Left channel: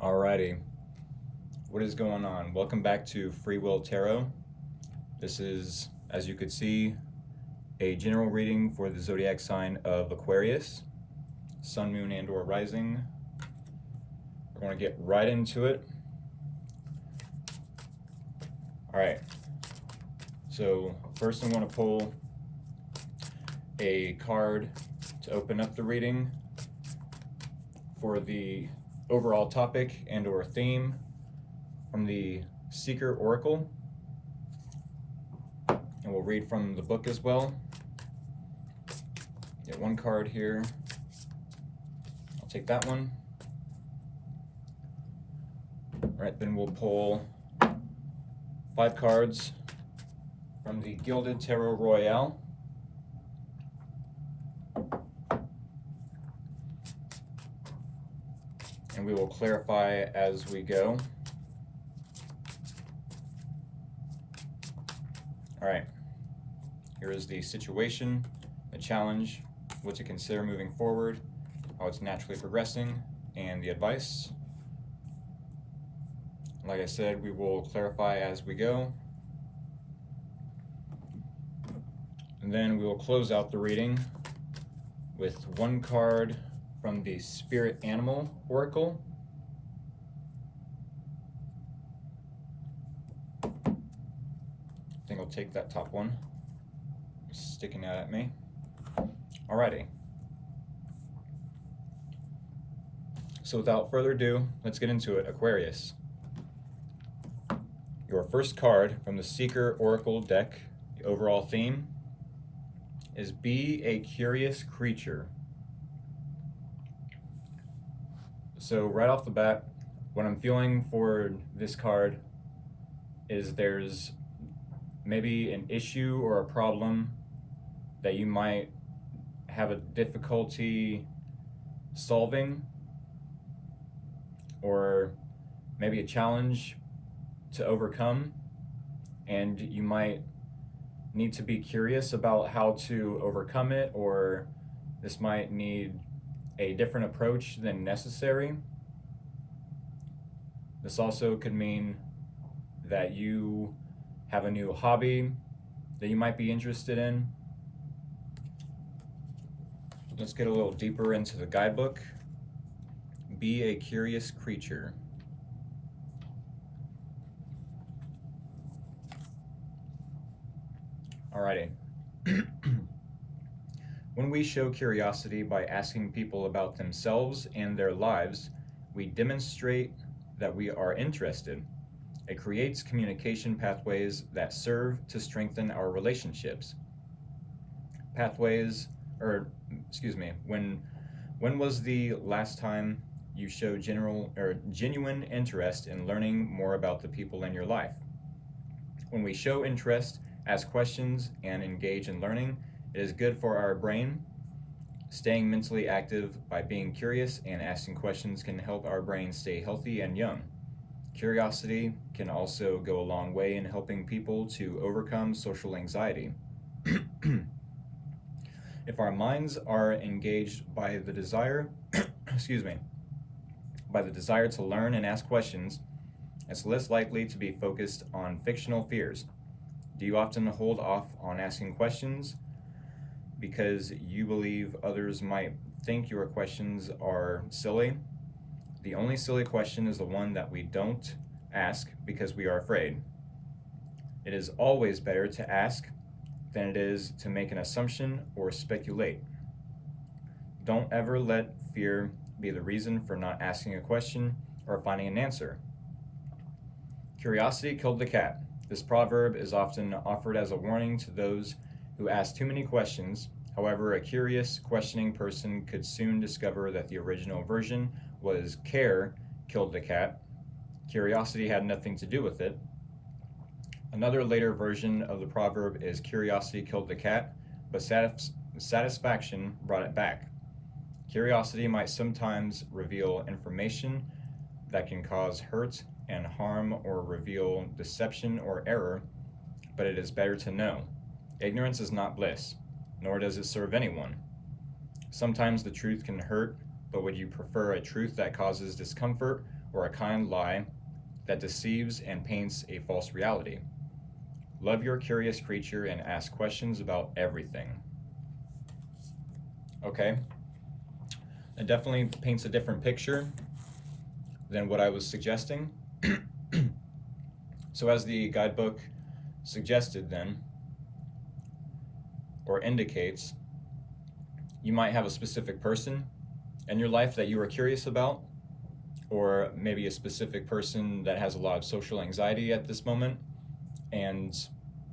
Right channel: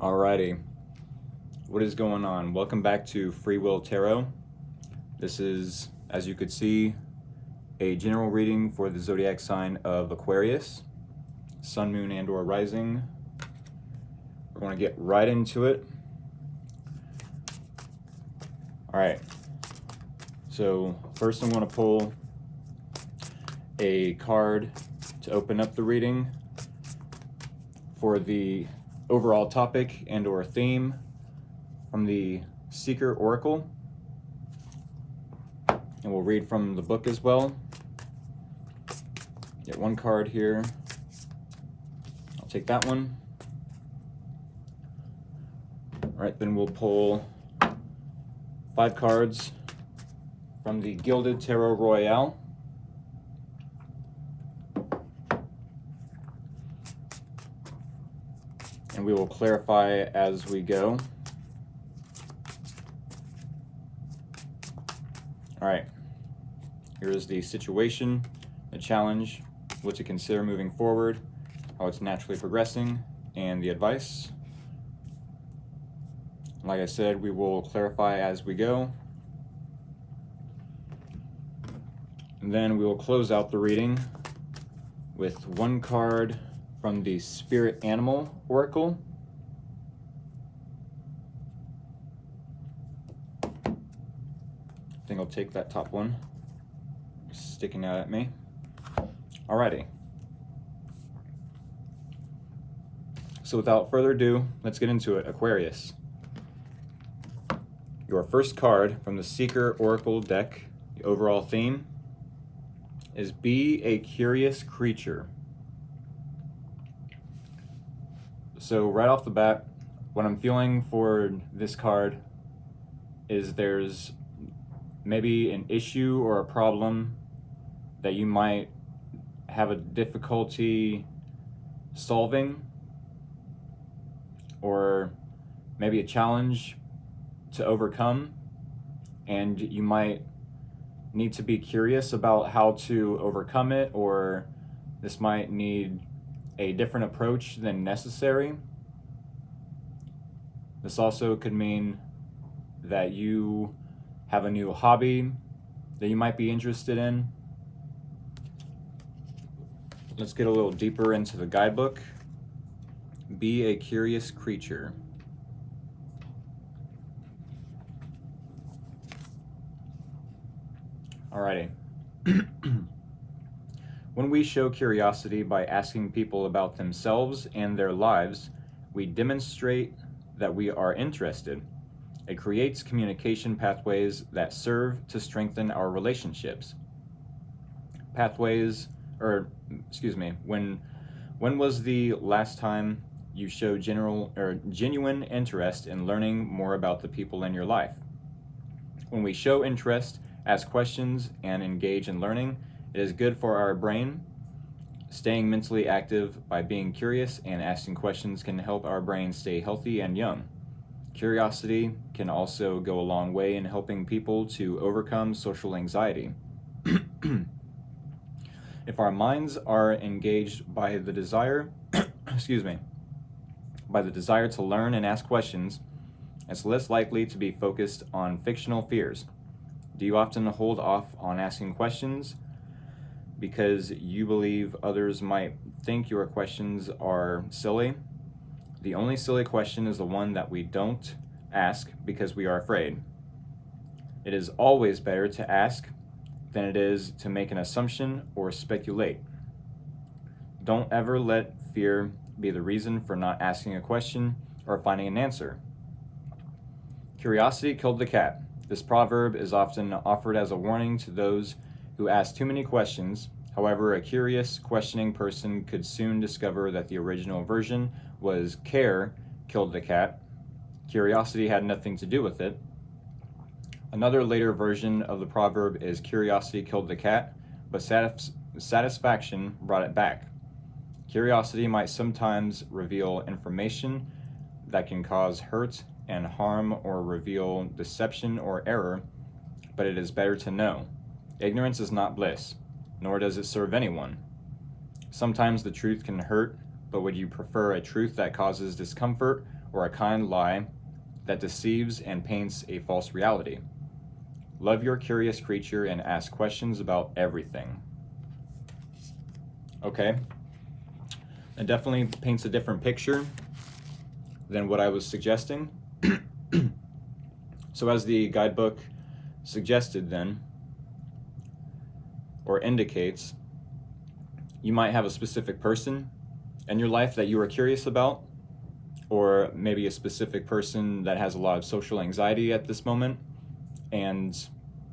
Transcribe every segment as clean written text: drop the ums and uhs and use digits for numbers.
Alrighty, what is going on? Welcome back to Free Will Tarot. This is, as you could see, a general reading for the zodiac sign of Aquarius, Sun, Moon, and or Rising. We're going to get right into it. Alright, so first I'm going to pull a card to open up the reading for the overall topic and or theme from the Seeker Oracle, and we'll read from the book as well. Get one card here. I'll take that one. All right, then we'll pull 5 cards from the Gilded Tarot Royale. And we will clarify as we go. All right, here is the situation, the challenge, what to consider moving forward, how it's naturally progressing, and the advice. Like I said, we will clarify as we go. And then we will close out the reading with one card from the Spirit Animal Oracle. I think I'll take that top one. It's sticking out at me. Alrighty. So without further ado, let's get into it. Aquarius. Your first card from the Seeker Oracle deck, the overall theme, is Be a Curious Creature. So right off the bat, what I'm feeling for this card is there's maybe an issue or a problem that you might have a difficulty solving, or maybe a challenge to overcome, and you might need to be curious about how to overcome it, or this might need a different approach than necessary. This also could mean that you have a new hobby that you might be interested in. Let's get a little deeper into the guidebook. Be a curious creature. Alrighty. When we show curiosity by asking people about themselves and their lives, we demonstrate that we are interested. It creates communication pathways that serve to strengthen our relationships. When was the last time you showed genuine interest in learning more about the people in your life? When we show interest, ask questions, and engage in learning, it is good for our brain. Staying mentally active by being curious and asking questions can help our brain stay healthy and young. Curiosity can also go a long way in helping people to overcome social anxiety. If our minds are engaged by the desire, by the desire to learn and ask questions, it's less likely to be focused on fictional fears. Do you often hold off on asking questions because you believe others might think your questions are silly? The only silly question is the one that we don't ask because we are afraid. It is always better to ask than it is to make an assumption or speculate. Don't ever let fear be the reason for not asking a question or finding an answer. Curiosity killed the cat. This proverb is often offered as a warning to those who ask too many questions. However, a curious, questioning person could soon discover that the original version was care killed the cat. Curiosity had nothing to do with it. Another later version of the proverb is curiosity killed the cat, but satisfaction brought it back. Curiosity might sometimes reveal information that can cause hurt and harm or reveal deception or error, but it is better to know. Ignorance is not bliss, nor does it serve anyone. Sometimes the truth can hurt but would you prefer a truth that causes discomfort or a kind lie that deceives and paints a false reality? Love your curious creature and ask questions about everything. Okay, it definitely paints a different picture than what I was suggesting. So as the guidebook suggested then, or indicates, you might have a specific person in your life that you are curious about, or maybe a specific person that has a lot of social anxiety at this moment, and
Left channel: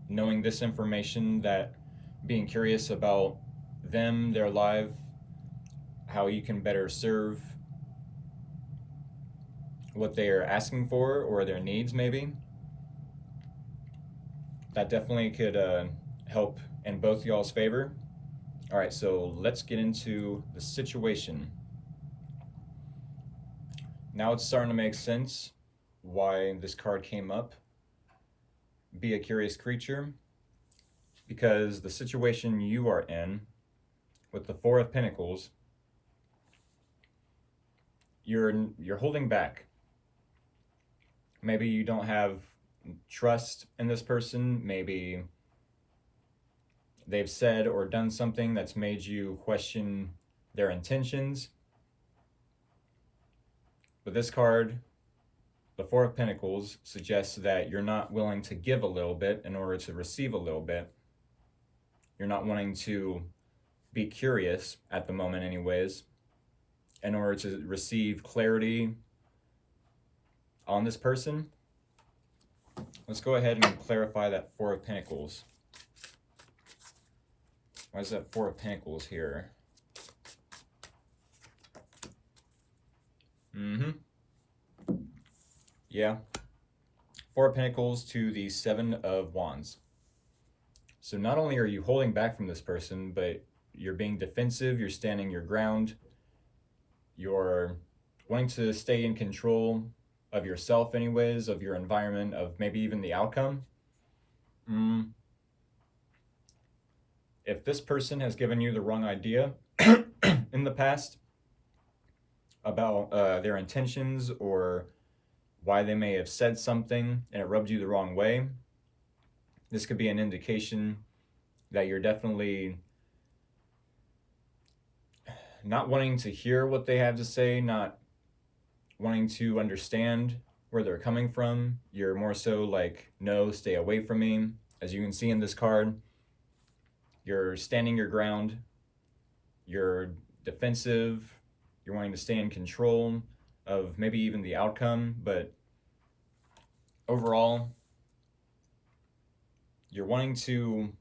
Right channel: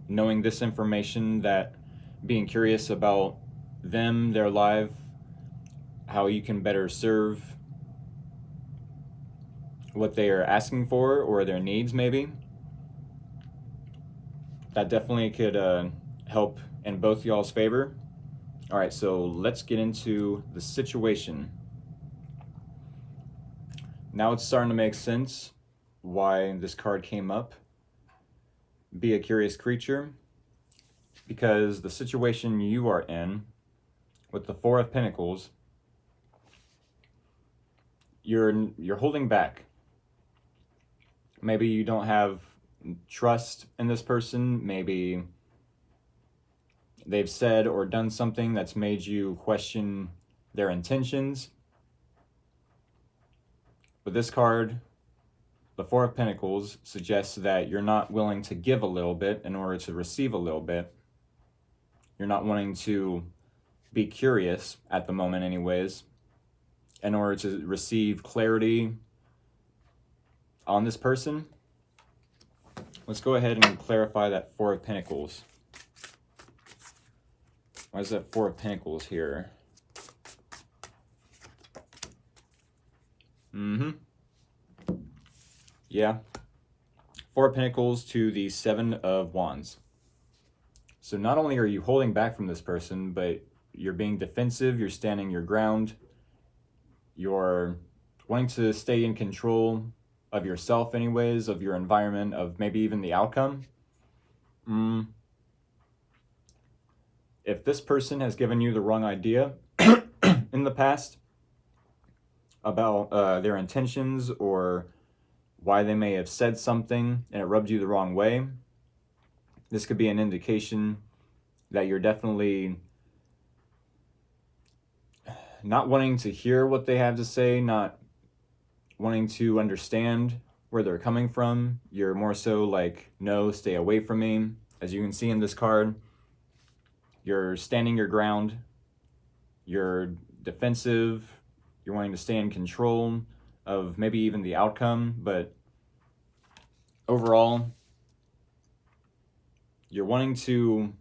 knowing this information, that being curious about them, their life, how you can better serve what they are asking for or their needs, maybe, that definitely could help in both y'all's favor. All right, so let's get into the situation. Now it's starting to make sense why this card came up. Be a curious creature, because the situation you are in with the Four of Pentacles, you're holding back. Maybe you don't have trust in this person. Maybe they've said or done something that's made you question their intentions. But this card, the Four of Pentacles, suggests that you're not willing to give a little bit in order to receive a little bit. You're not wanting to be curious at the moment anyways, in order to receive clarity on this person. Let's go ahead and clarify that Four of Pentacles. Why is that Four of Pentacles here? Yeah. Four of Pentacles to the Seven of Wands. So not only are you holding back from this person, but you're being defensive, you're standing your ground, you're wanting to stay in control of yourself anyways, of your environment, of maybe even the outcome. If this person has given you the wrong idea in the past about their intentions, or why they may have said something and it rubbed you the wrong way, this could be an indication that you're definitely not wanting to hear what they have to say, not wanting to understand where they're coming from. You're more so like, no, stay away from me. As you can see in this card, you're standing your ground, you're defensive, you're wanting to stay in control of maybe even the outcome, but overall, you're wanting to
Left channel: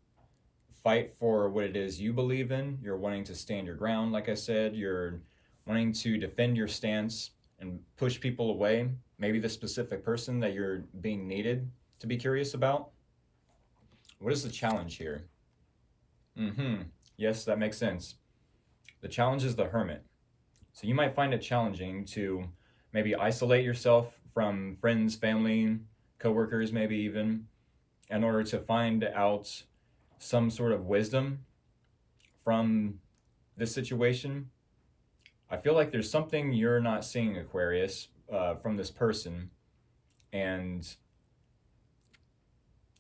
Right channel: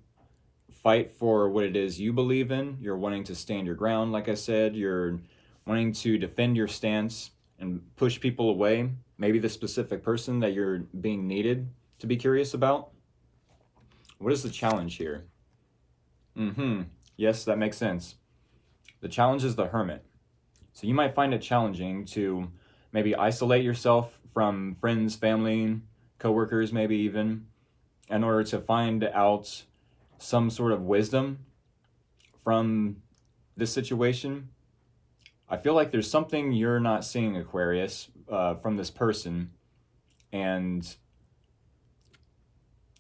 fight for what it is you believe in. You're wanting to stand your ground, like I said. You're wanting to defend your stance and push people away. Maybe the specific person that you're being needed to be curious about. What is the challenge here? Yes, that makes sense. The challenge is the Hermit. So you might find it challenging to maybe isolate yourself from friends, family, coworkers, maybe even, in order to find out some sort of wisdom from this situation. I feel like there's something you're not seeing, Aquarius, from this person, and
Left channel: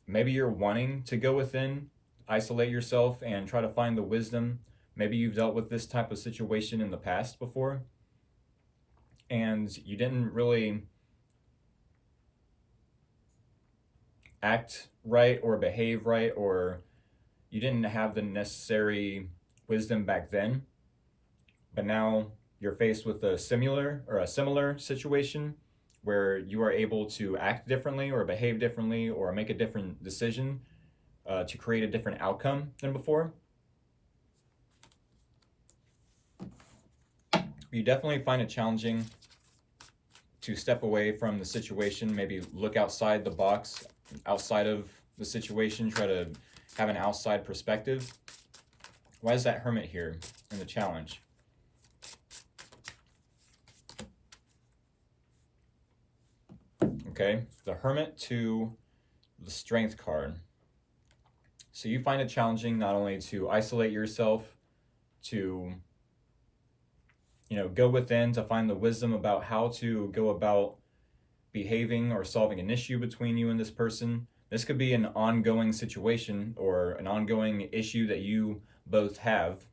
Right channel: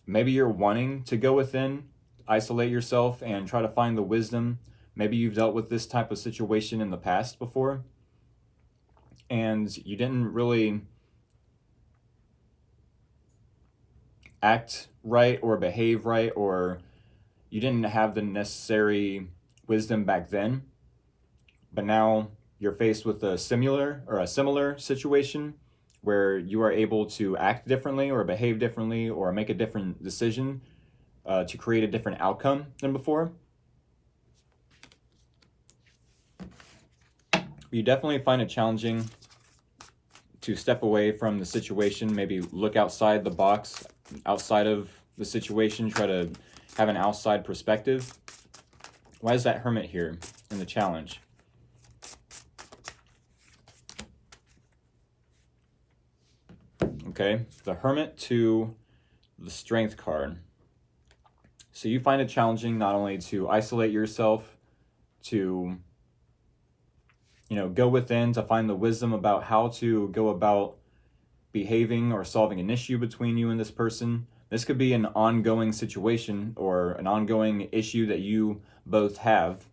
maybe you're wanting to go within, isolate yourself, and try to find the wisdom. Maybe you've dealt with this type of situation in the past before, and you didn't really act right or behave right, or you didn't have the necessary wisdom back then, but now you're faced with a similar situation where you are able to act differently or behave differently or make a different decision to create a different outcome than before. You definitely find it challenging to step away from the situation, maybe look outside the box, outside of the situation, try to have an outside perspective. Why is that Hermit here in the challenge? Okay, the Hermit to the Strength card. So you find it challenging not only to isolate yourself, to go within to find the wisdom about how to go about behaving or solving an issue between you and this person. This could be an ongoing situation or an ongoing issue that you both have,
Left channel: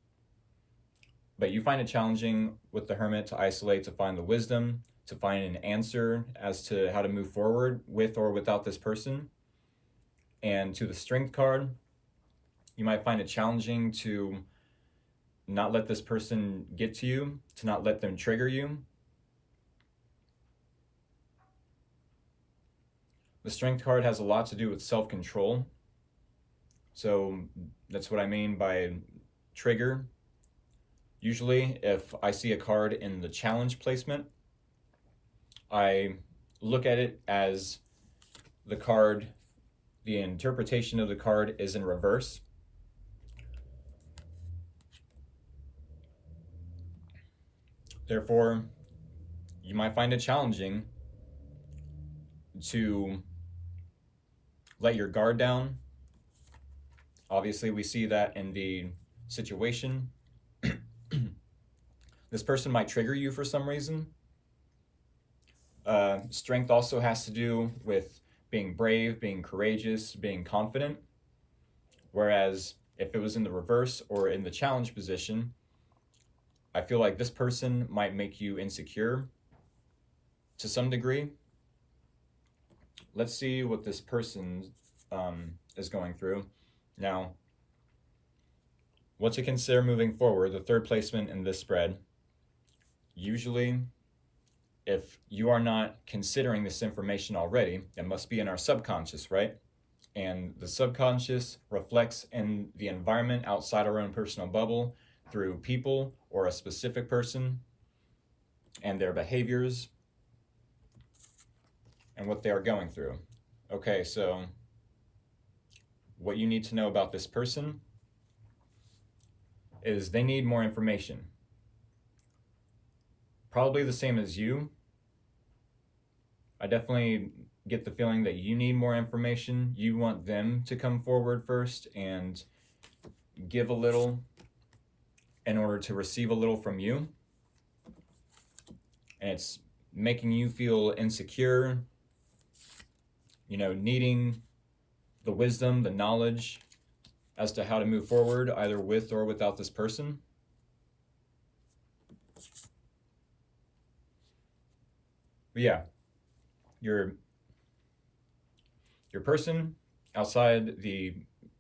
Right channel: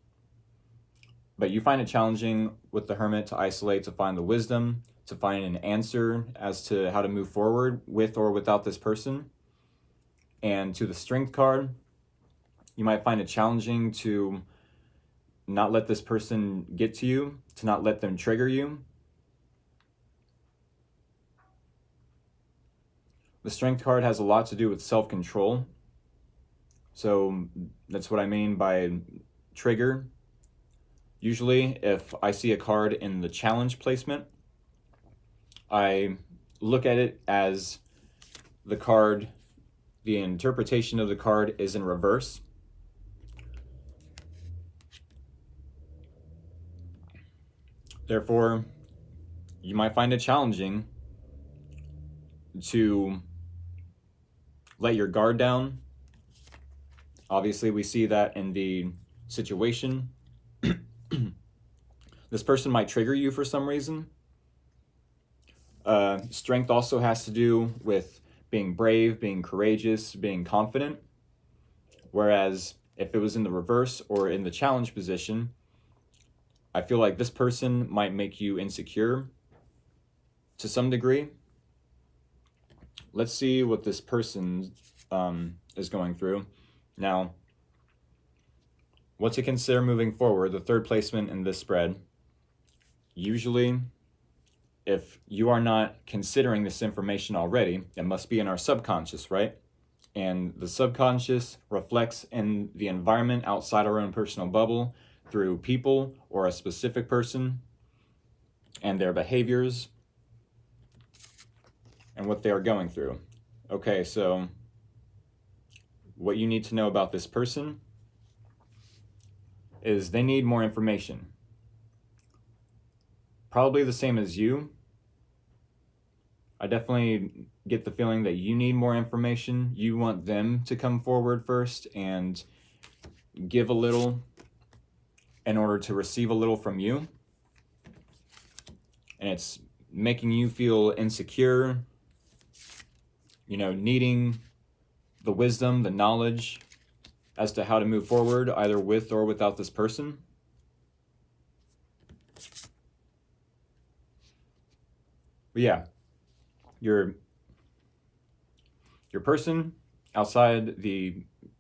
but you find it challenging with the Hermit to isolate, to find the wisdom, to find an answer as to how to move forward with or without this person. And to the Strength card, you might find it challenging to not let this person get to you, to not let them trigger you. The Strength card has a lot to do with self-control. So that's what I mean by trigger. Usually, if I see a card in the challenge placement, I look at it as the card, the interpretation of the card is in reverse. Therefore, you might find it challenging to let your guard down. Obviously, we see that in the situation. This person might trigger you for some reason. Strength also has to do with being brave, being courageous, being confident. Whereas if it was in the reverse or in the challenge position, I feel like this person might make you insecure to some degree. Let's see what this person is going through. Now, what to consider moving forward, the third placement in this spread. Usually, if you are not considering this information already, it must be in our subconscious, right? And the subconscious reflects in the environment outside our own personal bubble through people or a specific person and their behaviors and what they are going through. Okay, so what you need to know about this person is they need more information. Probably the same as you. I definitely get the feeling that you need more information. You want them to come forward first and give a little in order to receive a little from you. And it's making you feel insecure, needing the wisdom, the knowledge as to how to move forward, either with or without this person. But yeah, your person outside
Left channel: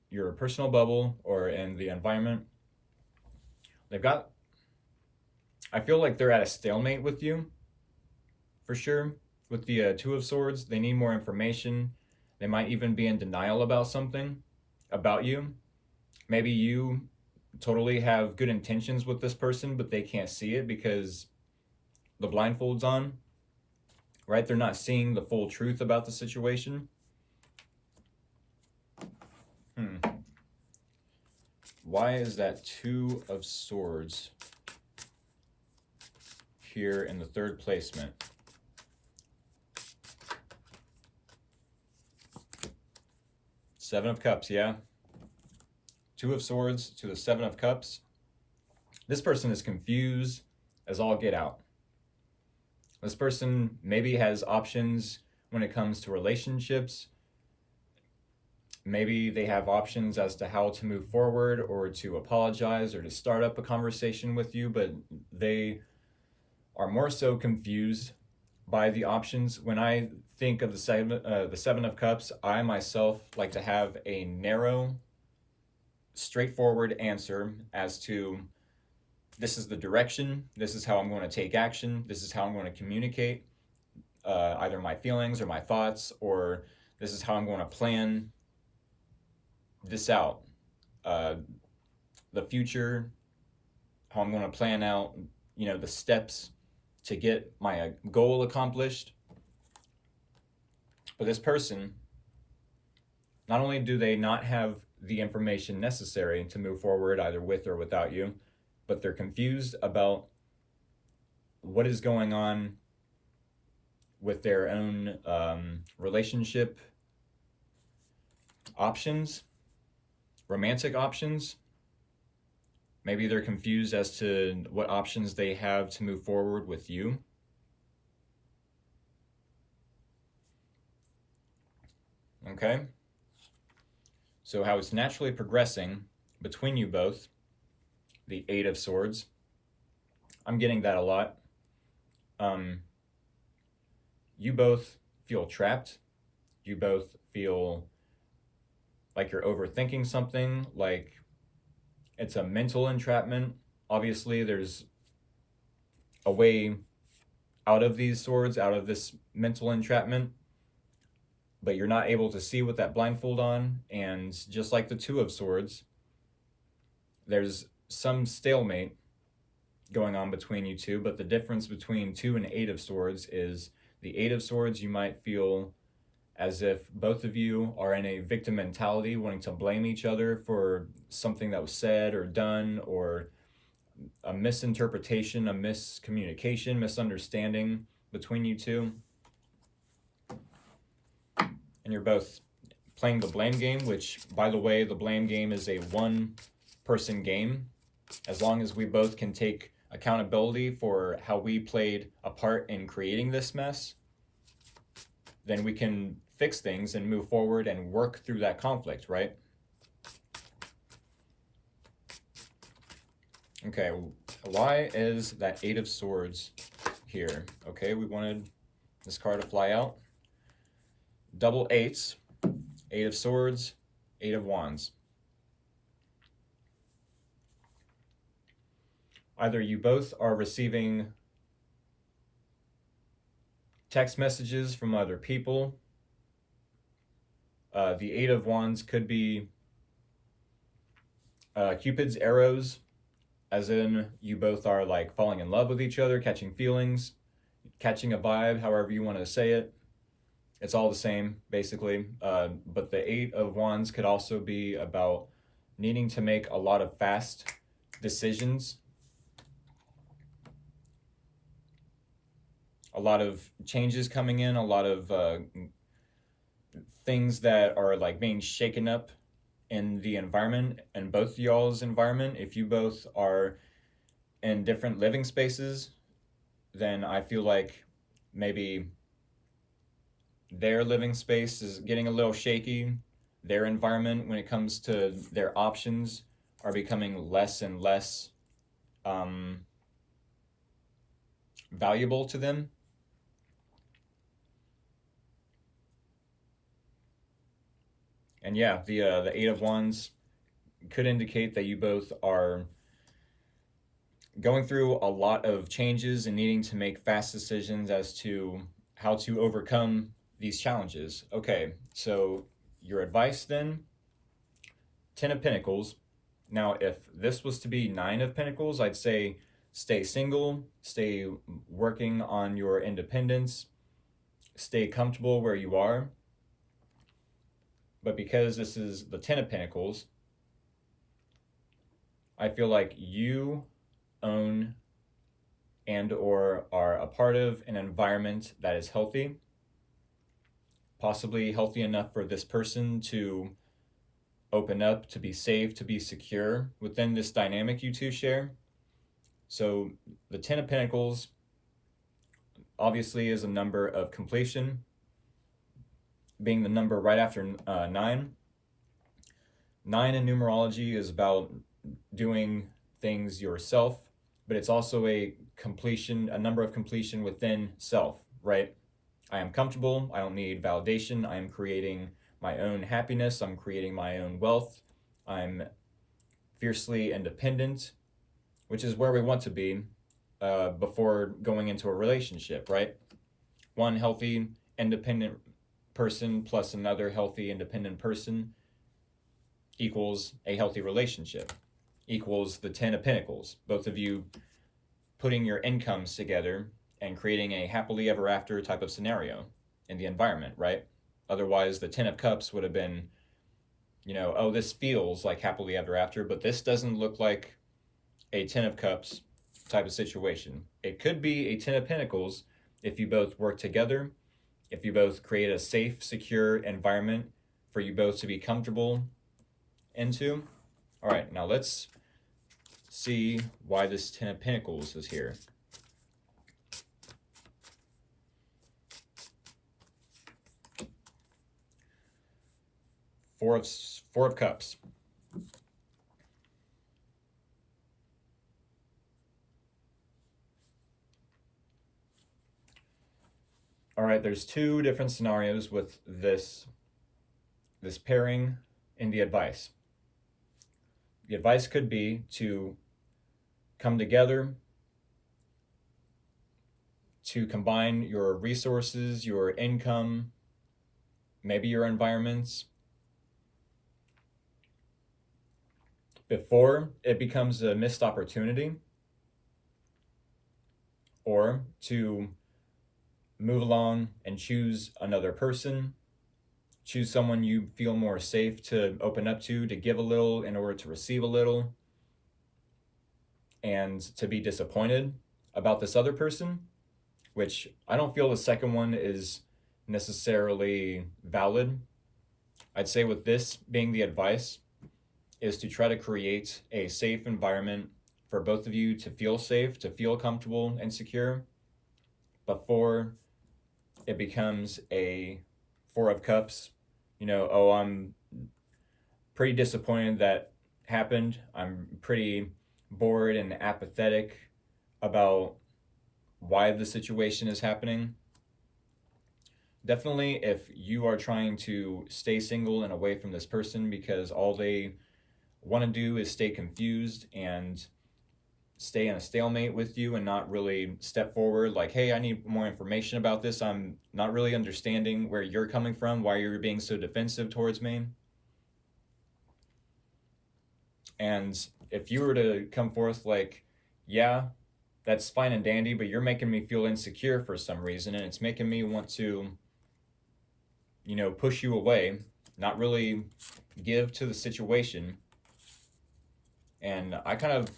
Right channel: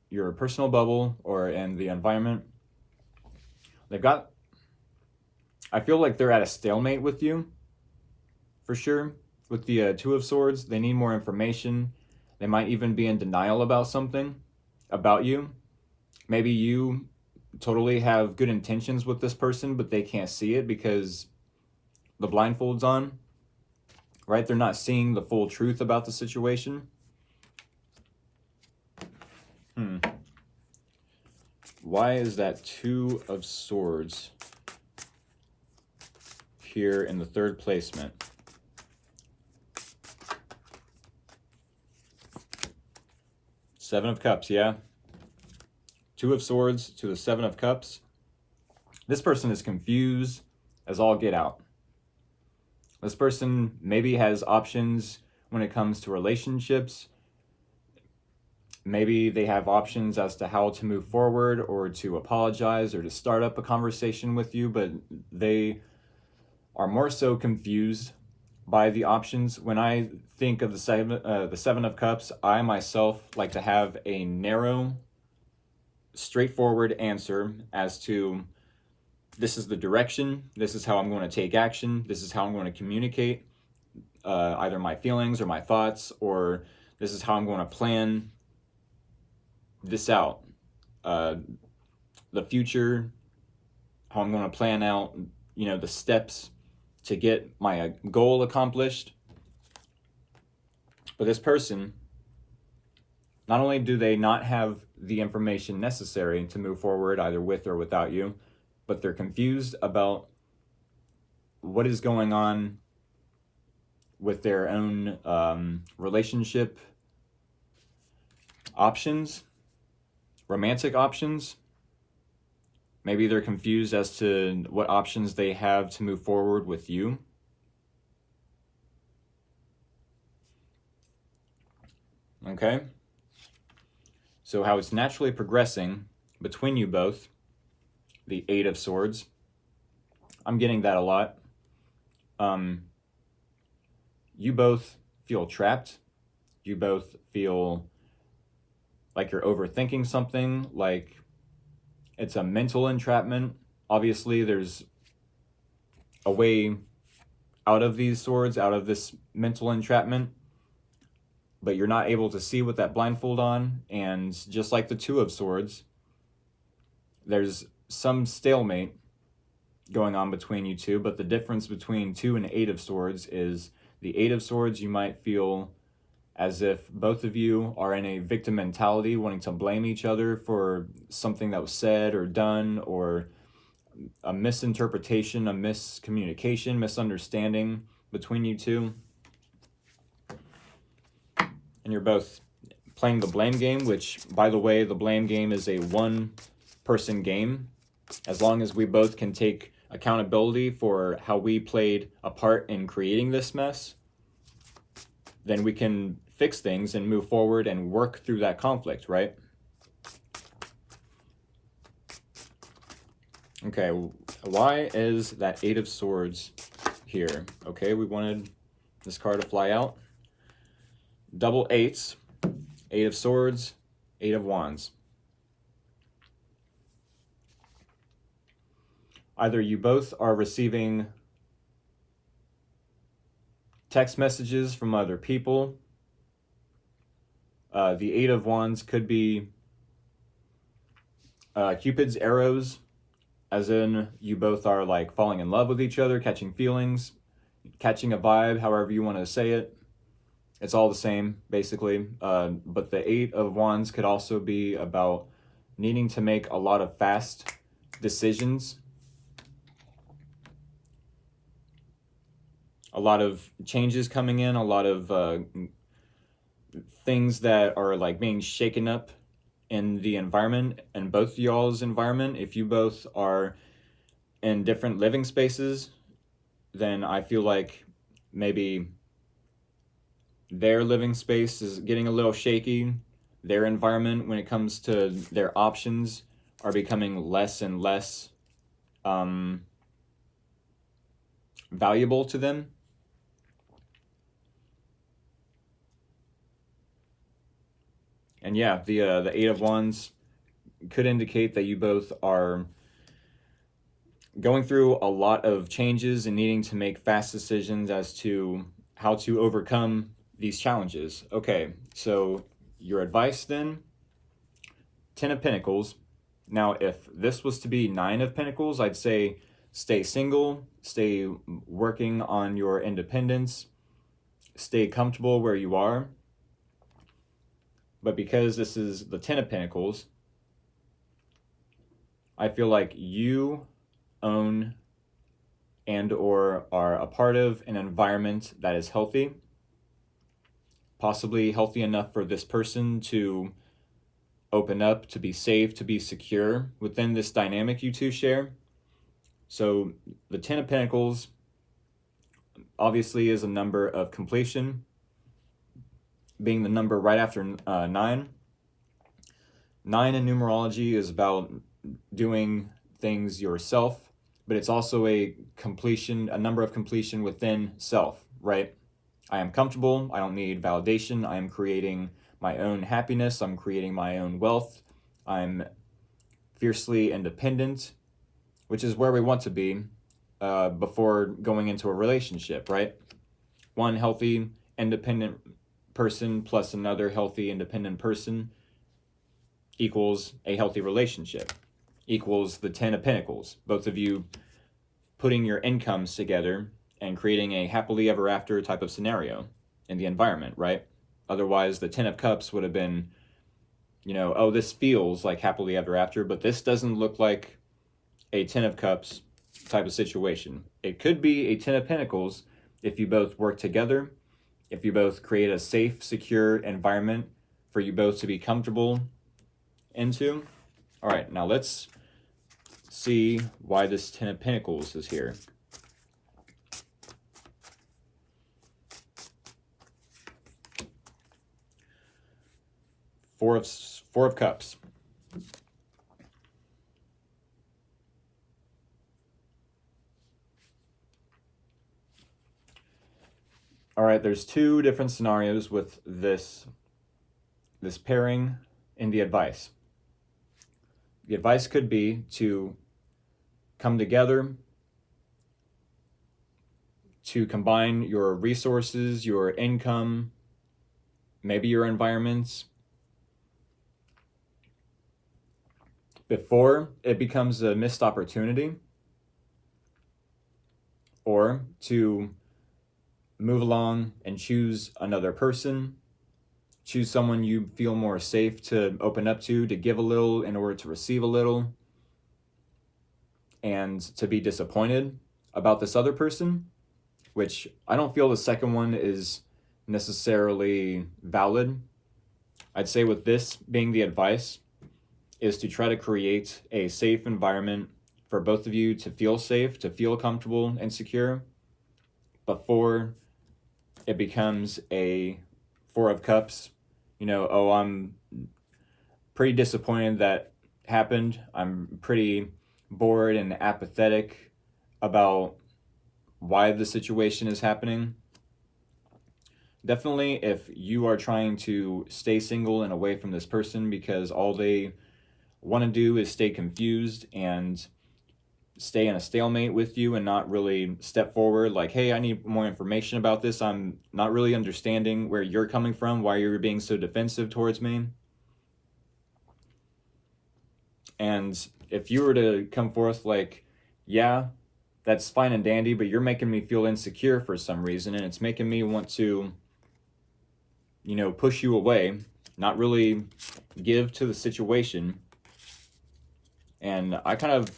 your personal bubble or in the environment, I feel like they're at a stalemate with you, for sure. With the Two of Swords, they need more information. They might even be in denial about something, about you. Maybe you totally have good intentions with this person, but they can't see it because the blindfold's on, right? They're not seeing the full truth about the situation. Why is that Two of Swords here in the third placement? Seven of Cups, yeah. Two of Swords to the Seven of Cups. This person is confused as all get out. This person maybe has options when it comes to relationships. Maybe they have options as to how to move forward or to apologize or to start up a conversation with you, but they are more so confused by the options. When I think of the Seven of Cups, I myself like to have a narrow, straightforward answer as to this is the direction, this is how I'm going to take action, this is how I'm going to communicate either my feelings or my thoughts, or this is how I'm going to plan this out. The future, how I'm going to plan out, the steps to get my goal accomplished. But this person, not only do they not have the information necessary to move forward either with or without you, but they're confused about what is going on with their own relationship options, romantic options. Maybe they're confused as to what options they have to move forward with you. Okay? So how it's naturally progressing between you both, the Eight of Swords. I'm getting that a lot. You both feel trapped. You both feel like you're overthinking something, like it's a mental entrapment. Obviously, there's a way out of these swords, out of this mental entrapment, but you're not able to see with that blindfold on. And just like the Two of Swords, there's some stalemate going on between you two, but the difference between Two and Eight of Swords is the Eight of Swords, you might feel as if both of you are in a victim mentality, wanting to blame each other for something that was said or done, or a misinterpretation, a miscommunication, misunderstanding between you two. And you're both playing the blame game, which, by the way, the blame game is a one-person game. As long as we both can take accountability for how we played a part in creating this mess, then we can fix things and move forward and work through that conflict, right? Okay, why is that Eight of Swords here? Okay, we wanted this card to fly out. Double eights, Eight of Swords, Eight of Wands. Either you both are receiving text messages from other people. The Eight of Wands could be Cupid's arrows, as in you both are like falling in love with each other, catching feelings, catching a vibe, however you want to say it. It's all the same, basically. But the Eight of Wands could also be about needing to make a lot of fast decisions. A lot of changes coming in, a lot of things that are like being shaken up in the environment, and both y'all's environment. If you both are in different living spaces, then I feel like maybe their living space is getting a little shaky. Their environment, when it comes to their options, are becoming less and less valuable to them. And yeah, the Eight of Wands could indicate that you both are going through a lot of changes and needing to make fast decisions as to how to overcome these challenges. Okay, so your advice then, 10 of Pentacles. Now, if this was to be 9 of Pentacles, I'd say stay single, stay working on your independence, stay comfortable where you are. But because this is the 10 of Pentacles, I feel like you own and or are a part of an environment that is healthy, possibly healthy enough for this person to open up, to be safe, to be secure within this dynamic you two share. So the 10 of Pentacles obviously is a number of completion, being the number right after 9. 9 in numerology is about doing things yourself, but it's also a number of completion within self, right? I am comfortable. I don't need validation. I am creating my own happiness. I'm creating my own wealth. I'm fiercely independent, which is where we want to be before going into a relationship, right? One healthy, independent person plus another healthy, independent person equals a healthy relationship, equals the 10 of Pentacles. Both of you putting your incomes together and creating a happily ever after type of scenario in the environment, right? Otherwise, the 10 of Cups would have been, oh, this feels like happily ever after, but this doesn't look like a 10 of Cups type of situation. It could be a 10 of Pentacles if you both work together, if you both create a safe, secure environment for you both to be comfortable into. All right, now let's see why this Ten of Pentacles is here. Four of Cups. All right, there's two different scenarios with this pairing in the advice. The advice could be to come together, to combine your resources, your income, maybe your environments, before it becomes a missed opportunity, or to move along and choose another person, choose someone you feel more safe to open up to give a little in order to receive a little, and to be disappointed about this other person, which I don't feel the second one is necessarily valid. I'd say with this being the advice is to try to create a safe environment for both of you to feel safe, to feel comfortable and secure before it becomes a Four of Cups. You know, oh, I'm pretty disappointed that happened. I'm pretty bored and apathetic about why the situation is happening. Definitely, if you are trying to stay single and away from this person because all they want to do is stay confused and stay in a stalemate with you and not really step forward, like, hey, I need more information about this. I'm not really understanding where you're coming from, why you're being so defensive towards me. And if you were to come forth like, yeah, that's fine and dandy, but you're making me feel insecure for some reason, and it's making me want to, you know, push you away, not really give to the situation, and I kind of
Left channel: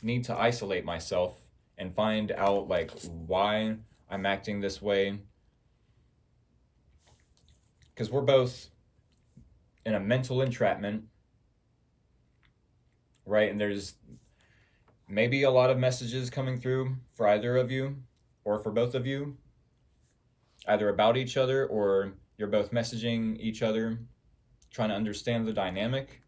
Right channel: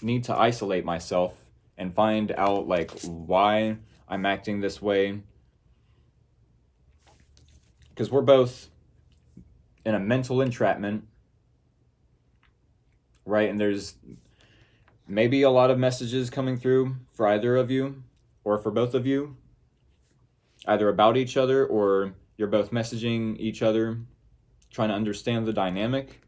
need to isolate myself and find out like why I'm acting this way, because we're both in a mental entrapment, right? And there's maybe a lot of messages coming through for either of you or for both of you, either about each other or you're both messaging each other, trying to understand the dynamic.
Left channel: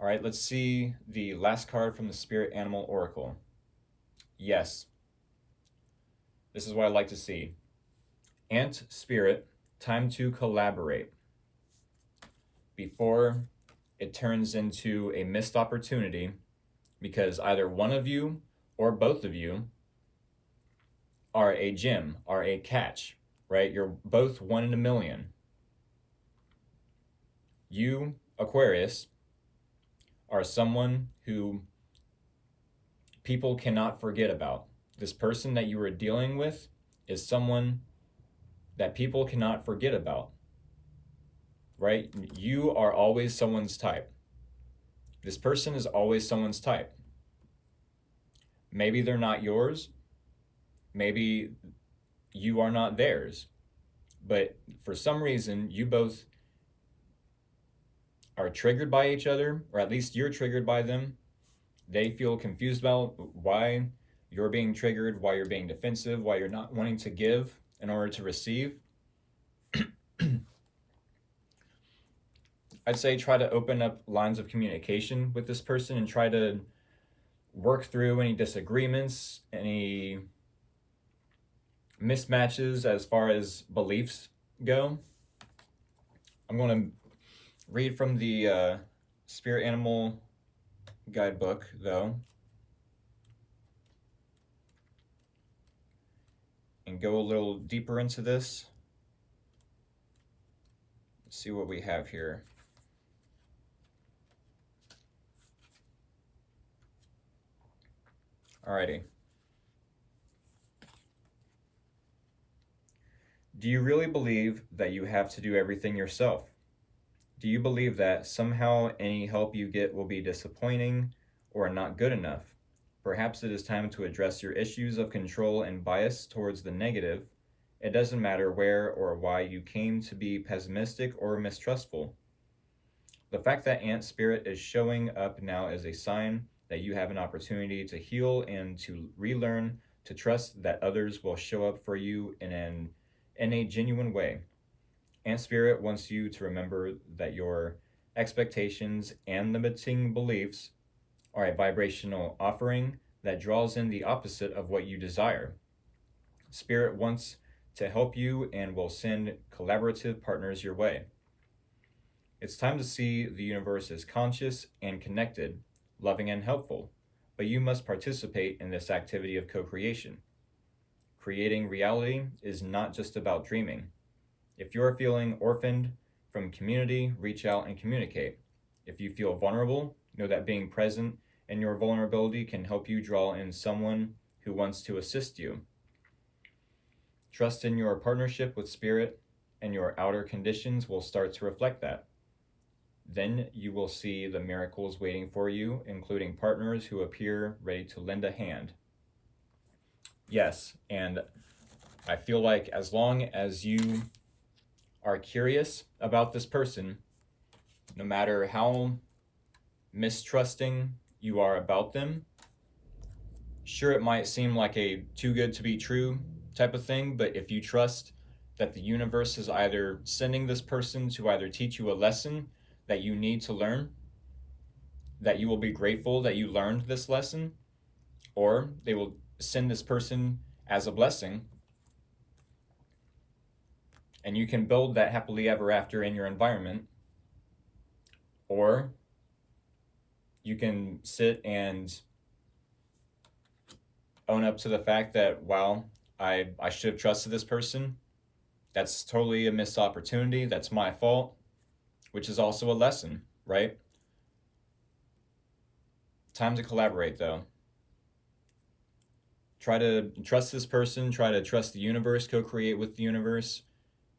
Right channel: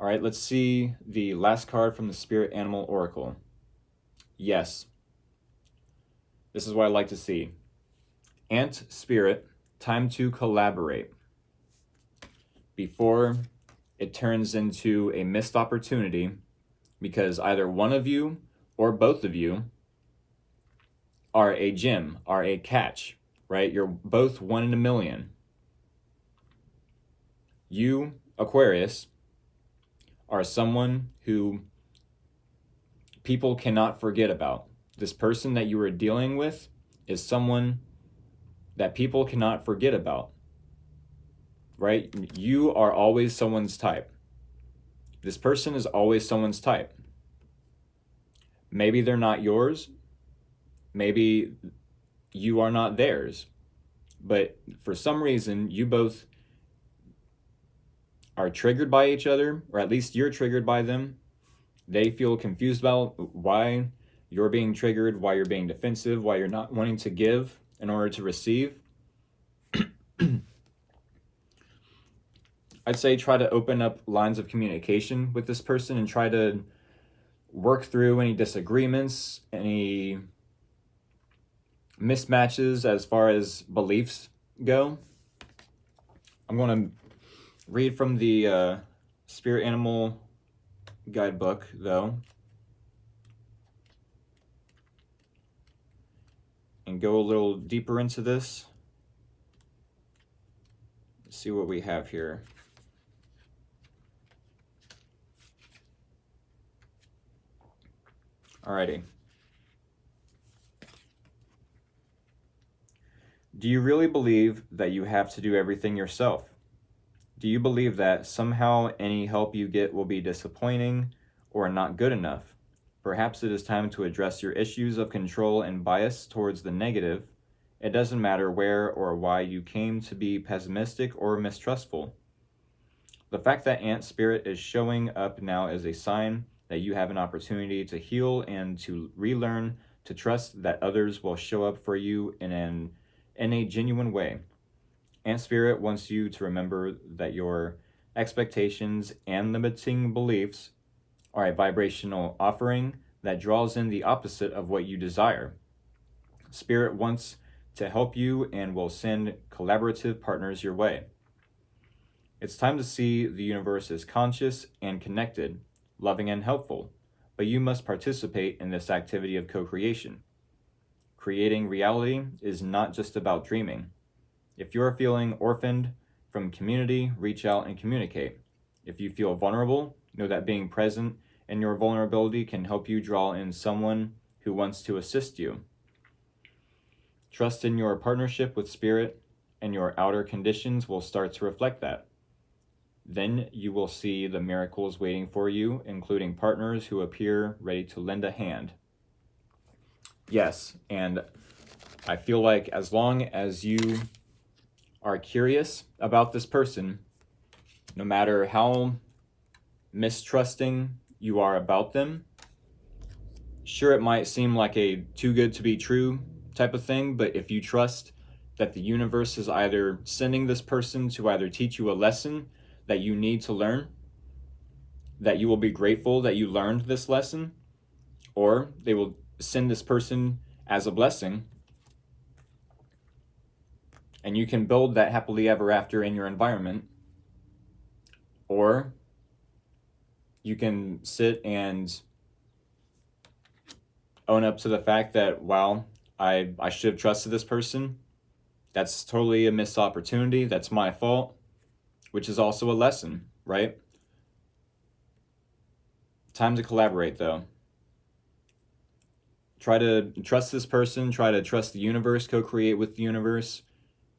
All right, let's see the last card from the Spirit Animal Oracle. Yes. This is what I like to see. Ant Spirit, time to collaborate before it turns into a missed opportunity, because either one of you or both of you are a gem, are a catch, right? You're both 1 in a million. You, Aquarius, are someone who people cannot forget about. This person that you are dealing with is someone that people cannot forget about, right? You are always someone's type. This person is always someone's type. Maybe they're not yours. Maybe you are not theirs. But for some reason, you both are triggered by each other, or at least you're triggered by them. They feel confused about why you're being triggered, why you're being defensive, why you're not wanting to give in order to receive. I'd say try to open up lines of communication with this person and try to work through any disagreements, any mismatches as far as beliefs go. I'm going to read from the Spirit Animal Guidebook, though, and go a little deeper into this. Let's see what we have here. Alrighty. Do you really believe that you have to do everything yourself? Do you believe that somehow any help you get will be disappointing or not good enough? Perhaps it is time to address your issues of control and bias towards the negative. It doesn't matter where or why you came to be pessimistic or mistrustful. The fact that Ant Spirit is showing up now is a sign that you have an opportunity to heal and to relearn to trust that others will show up for you in a genuine way. Ant Spirit wants you to remember that your expectations and limiting beliefs are a vibrational offering that draws in the opposite of what you desire. Spirit wants to help you and will send collaborative partners your way. It's time to see the universe as conscious and connected, loving and helpful, but you must participate in this activity of co-creation. Creating reality is not just about dreaming. If you're feeling orphaned from community, reach out and communicate. If you feel vulnerable, know that being present in your vulnerability can help you draw in someone who wants to assist you. Trust in your partnership with Spirit, and your outer conditions will start to reflect that. Then you will see the miracles waiting for you, including partners who appear ready to lend a hand. Yes, and I feel like as long as you are curious about this person, no matter how mistrusting you are about them, sure, it might seem like a too good to be true type of thing, but if you trust that the universe is either sending this person to either teach you a lesson that you need to learn, that you will be grateful that you learned this lesson, or they will send this person as a blessing, and you can build that happily ever after in your environment, or you can sit and own up to the fact that, wow, I should have trusted this person. That's totally a missed opportunity. That's my fault, which is also a lesson, right? Time to collaborate, though. Try to trust this person. Try to trust the universe. Co-create with the universe,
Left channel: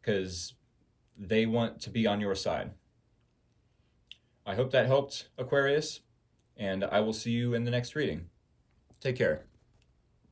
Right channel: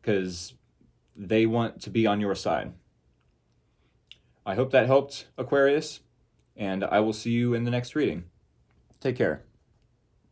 because they want to be on your side. I hope that helped, Aquarius, and I will see you in the next reading. Take care.